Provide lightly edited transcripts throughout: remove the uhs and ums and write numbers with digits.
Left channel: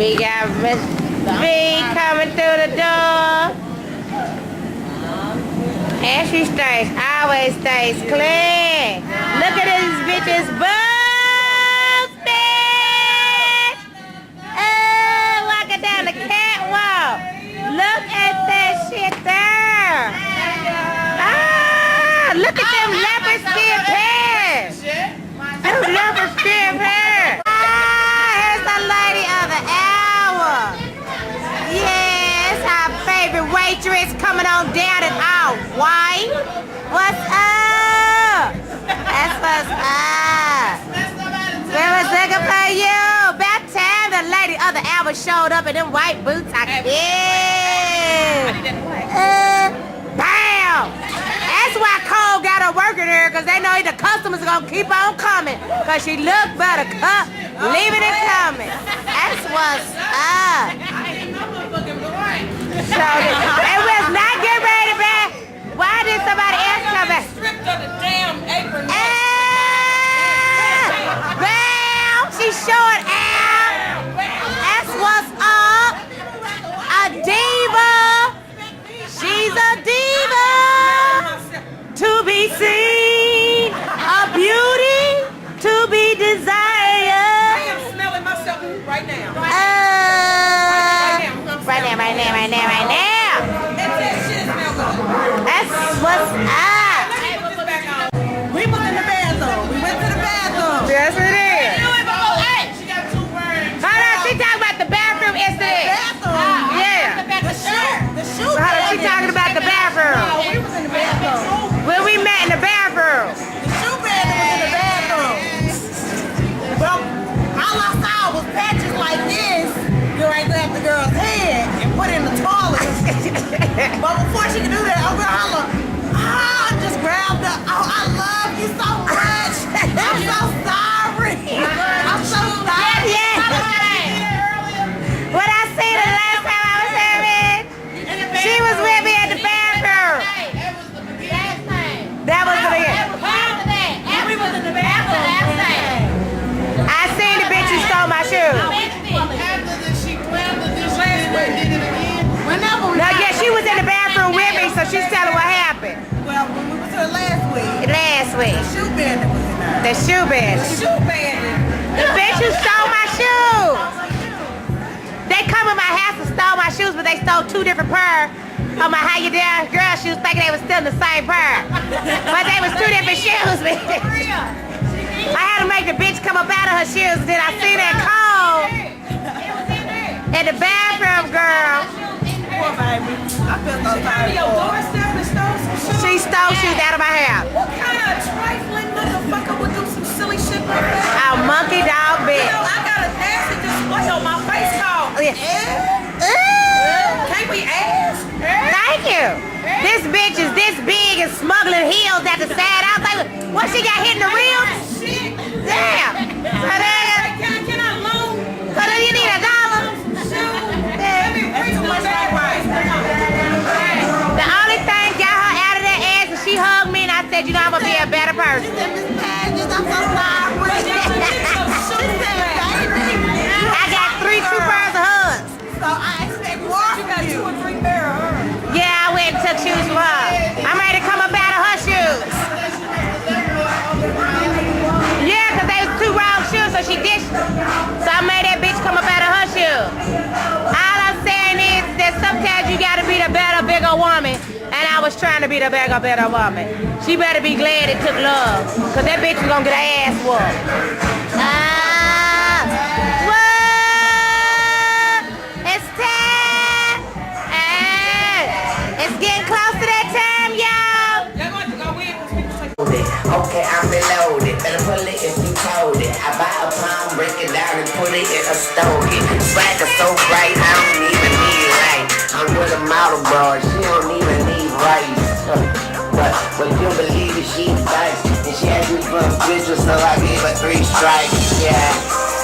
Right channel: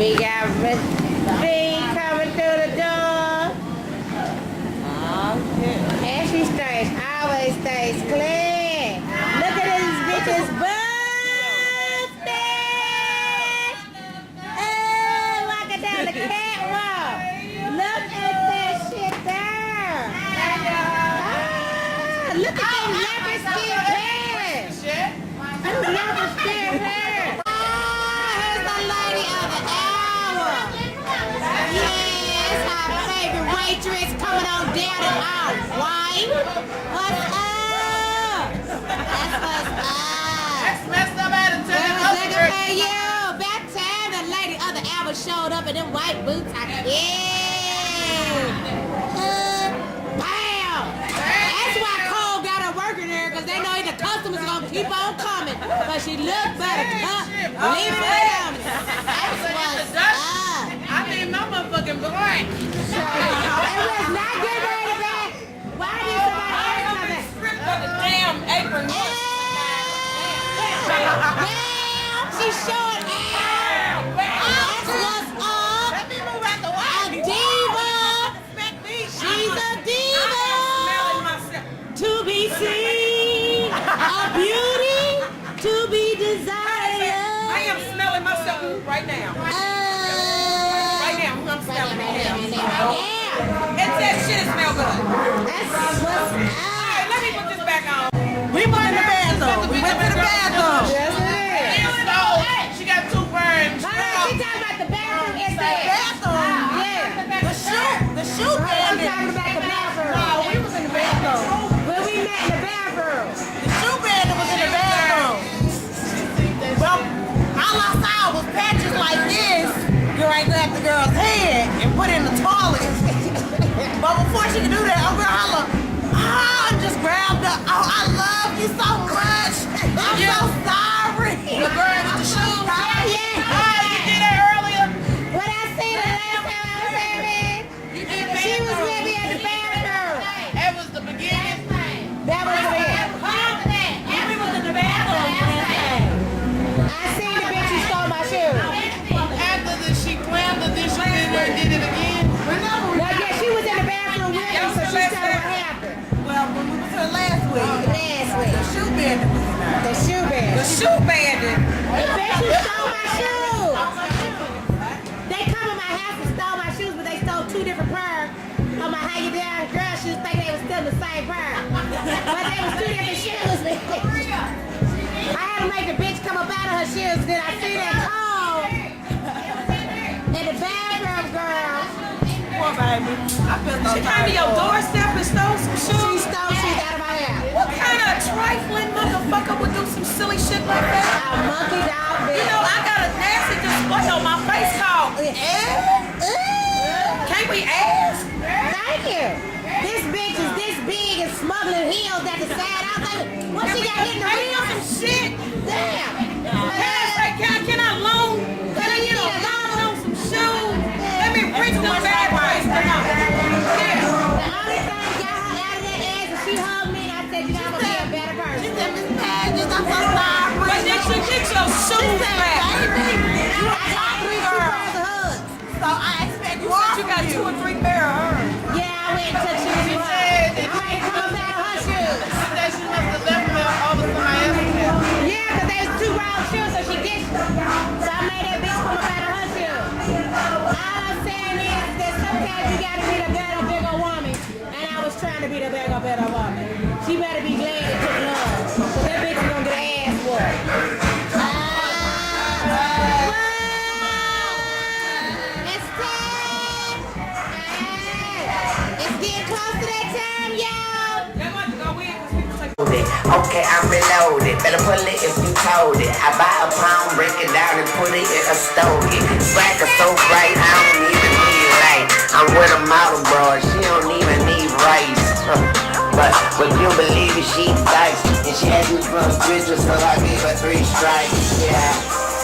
We got Miss B coming through the door. And she always stays clean. Look at these bitches busted. Oh, walking down the catwalk. Look at that shit there. Ah, look at them leopard skin pants. Them leopard skin pants. Ah, here's the lady of the hour. Yes, our favorite waitress coming on down and out. White. What's up? That's what's up. We was looking for you. About time the lady of the hour showed up in them white boots. I can't. Bam! That's why Cole got her working here, because they know the customers are going to keep on coming. Because she look better. Leaving it coming. That's what's up. So, it was not getting ready to be. Why did somebody else come back? Stripped of the damn apron. Bam! She's showing out. That's what's up. A diva. She's a diva. To be seen. A beauty to be desired. I am smelling myself right now. Right now. And that shit smells good. That's what's up. Let me put this back on. We was in the bathroom. We went to the bathroom. Yes, it is. She got 2 burns. Hold on, she talking about the bathroom incident. Bathroom. Yeah. The shoe. She talking about the bathroom. No, we was in the bathroom. When we met in the bathroom. The shoe bandit was in the bathroom. Well, all I saw was patches like this. I grabbed the girl's head and put it in the toilet. But before she could do that, I'm gonna holler, I just grabbed her. Oh, I love you so much. I'm so sorry. I'm so sorry. What I seen the last time I was having, she was with me at the bathroom. That was the beginning. That was the beginning. We was in the bathroom. I seen the bitch who stole my shoes. Did it again? No, yeah, she was in the bathroom with me, so she's telling what happened. Well, when we was here last week, Last week. the shoe bandit was in there. The shoe bandit. The shoe bandit. The bitch who stole my shoes. They come in my house and stole my shoes, but they stole 2 different pairs of my how you doing girl shoes, thinking they was still the same pair. But they was 2 different shoes, bitch. I had to make the bitch come up out of her shoes. Then I see that call in the bathroom, girl. Poor baby. I feel so She came to your doorstep and stole some shoes? She stole shoes out of my house. What kind of trifling motherfucker would do some silly shit like that? A monkey dog bitch. You know, I got a nasty display on my face called Can't we ask? Thank you. This bitch is this big and smuggling heels at the side. I was like, what, she got hit in the reels? Shit. Damn. Can I loan? Cause you need a dollar. Some shoes? Let me bring some bad ways. The only thing got her out of that ass is she hugged me and I said, you know, I'm gonna be a better She person. said, Miss Badges, I'm so sorry. But you should get your shoes back. I got 3 true pairs of hugs. So I expect more You got 2 or 3 pair of hers. Yeah, I went and took shoes from her. I'm ready to come up out of her shoes. Yeah, cause they was 2 wrong shoes, so she ditched them. So I made that bitch come up out of her shoes. All I'm saying is that sometimes you gotta be the better, bigger woman. And I was trying to be the bigger, better woman. She better be glad it took love. Cause that bitch was gonna get her ass whooped. It's time. It's getting close to that time, y'all. They're going to go in because people take Okay, I'm reloaded. Better pull it if you told it. I buy a pound, break it down and put it in a stogie. Swagger so bright, I don't even need light. I'm with a model, bro. She don't even need rice. But would you believe it? She dice. And she asked me for a picture, so I gave her 3 strikes. Yeah.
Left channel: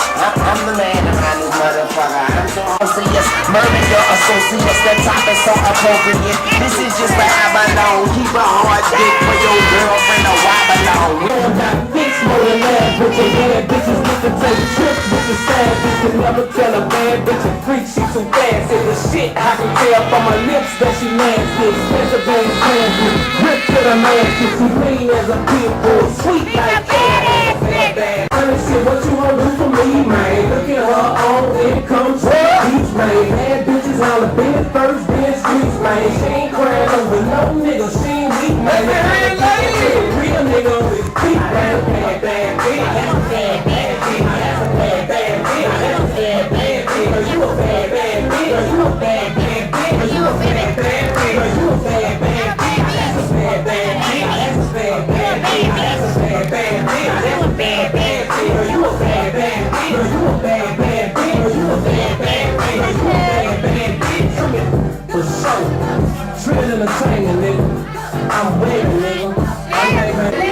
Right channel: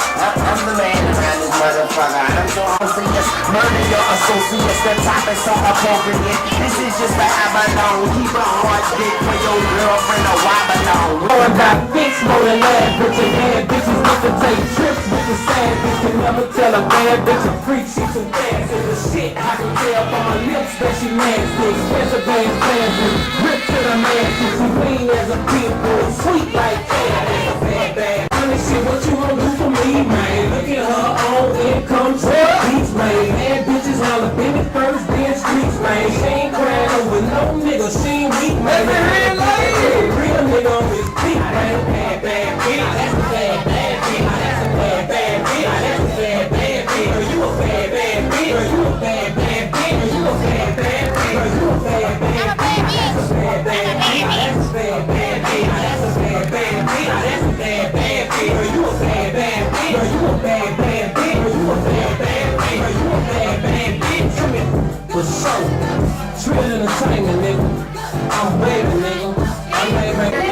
I'm the man around this motherfucker. I'm so serious. Murder your associates. The top is so appropriate. This is just where I belong. Keep a hard dick for your girlfriend or I belong. Going back fix more than last with your bad bitches get to take trips with the sad bitch. Can never tell a bad bitch a freak, she too fast. It's the shit I can tell from her lips that she nasty. Expensive ass classy, rip to the nasty. She mean as a pit bull, sweet like bad, bad. Honey shit, what you gon' do for me, man? Look at her own income, beats, man. Bad bitches holler, been it first, then streets, man. She ain't crying over no nigga, she ain't weak, man. Real nigga on his feet, man. Bad, bad bitch, that's a bad, bad bitch. That's a bad, bad bitch. That's a bad, bad bitch. You a bad, bad bitch. You a bad, bad bitch. You a bad, bad bitch. You a bad, bad bitch. That's a bad, bad bitch. That's a bad, bad bitch. That's a bad, bad bitch. That's a bad, bad bitch. You a bad, bad bitch. You a bad, bad bitch. You a bad, bad bitch. You a bad, bad bitch. Come here. For sure. Trill entertainment, nigga. I'm waving, nigga. I'm waving.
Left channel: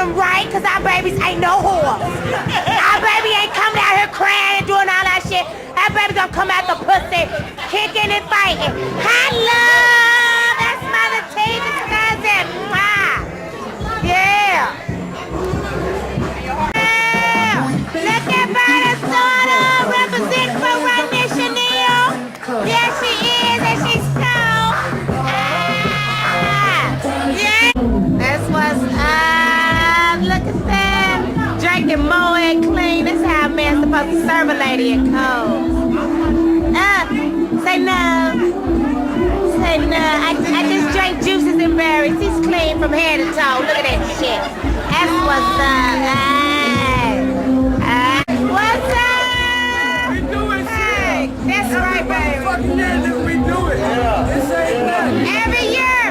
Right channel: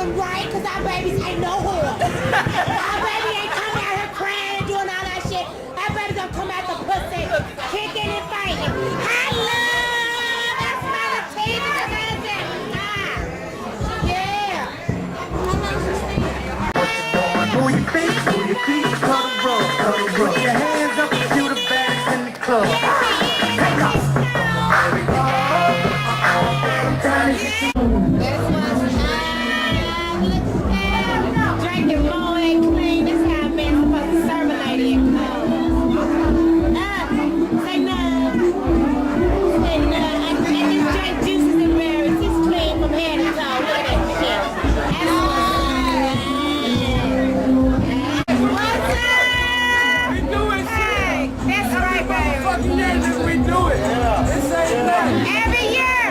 Right, cause our babies ain't no whore. Our baby ain't coming out here crying and doing all that shit. Our baby gonna come out the pussy, kicking and fighting. Hello, that's my Latinas cousin. Yeah. Look at Minnesota, represent for my missionary. Yes, she is, and she's so. Yeah. That's what's drinking more and clean. That's how a man's supposed to serve a lady in cold. Say no. Say no. I just drank juices and berries. He's clean from head to toe. Look at that shit. That's what's up. What's up? We do it, hey, that's right, baby. fucking year that we do it. This ain't nothing. Every year.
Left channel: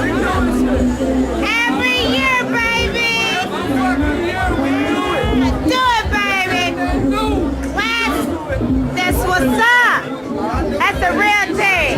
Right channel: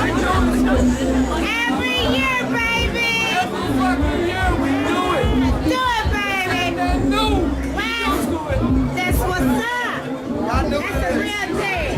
We do it. Every year, baby. Every fucking year we do it. Do it, baby. That new. What? That's what's up. That's the real thing.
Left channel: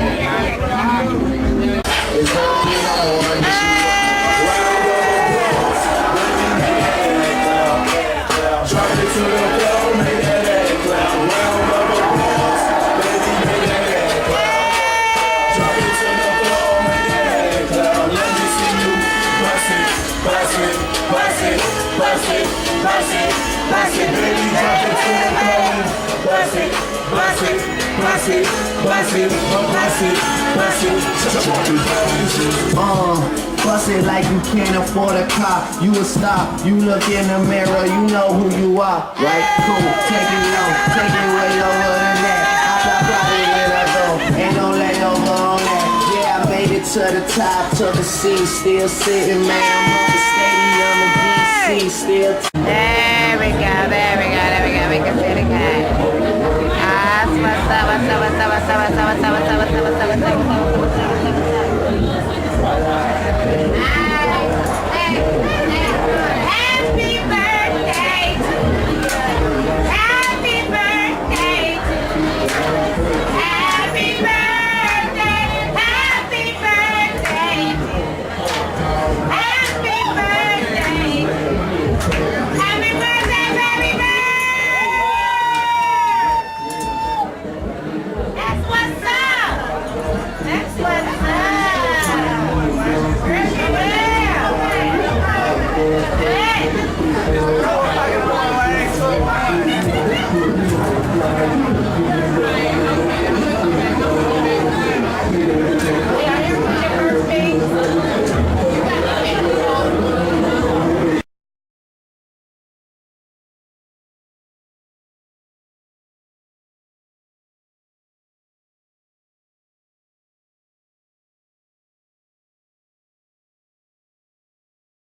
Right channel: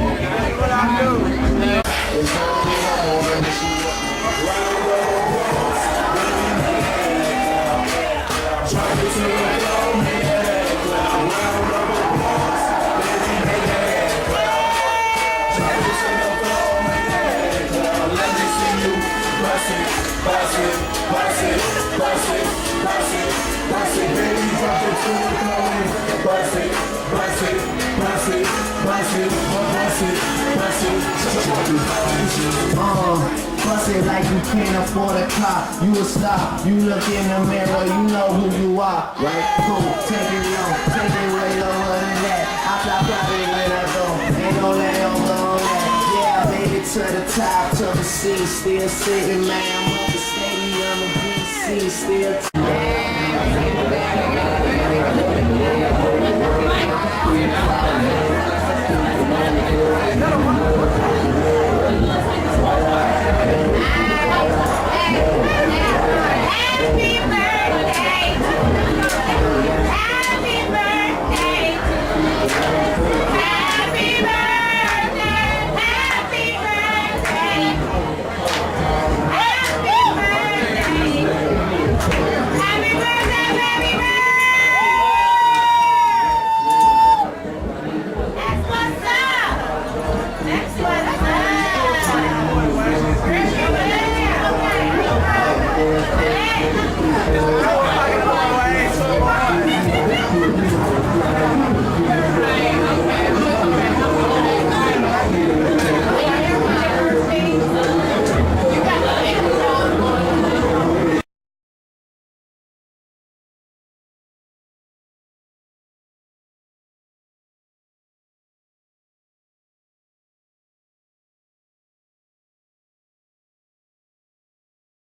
Bust it like you can't afford a car. You a star. You look in the mirror, you know who you are. Right? Cool. Take it low. Take it way lower than that. I fly when I go. Ain't no layover on that. Yeah, I made it to the top, took a seat, still sitting, man. I'm up the stadium in DC, still.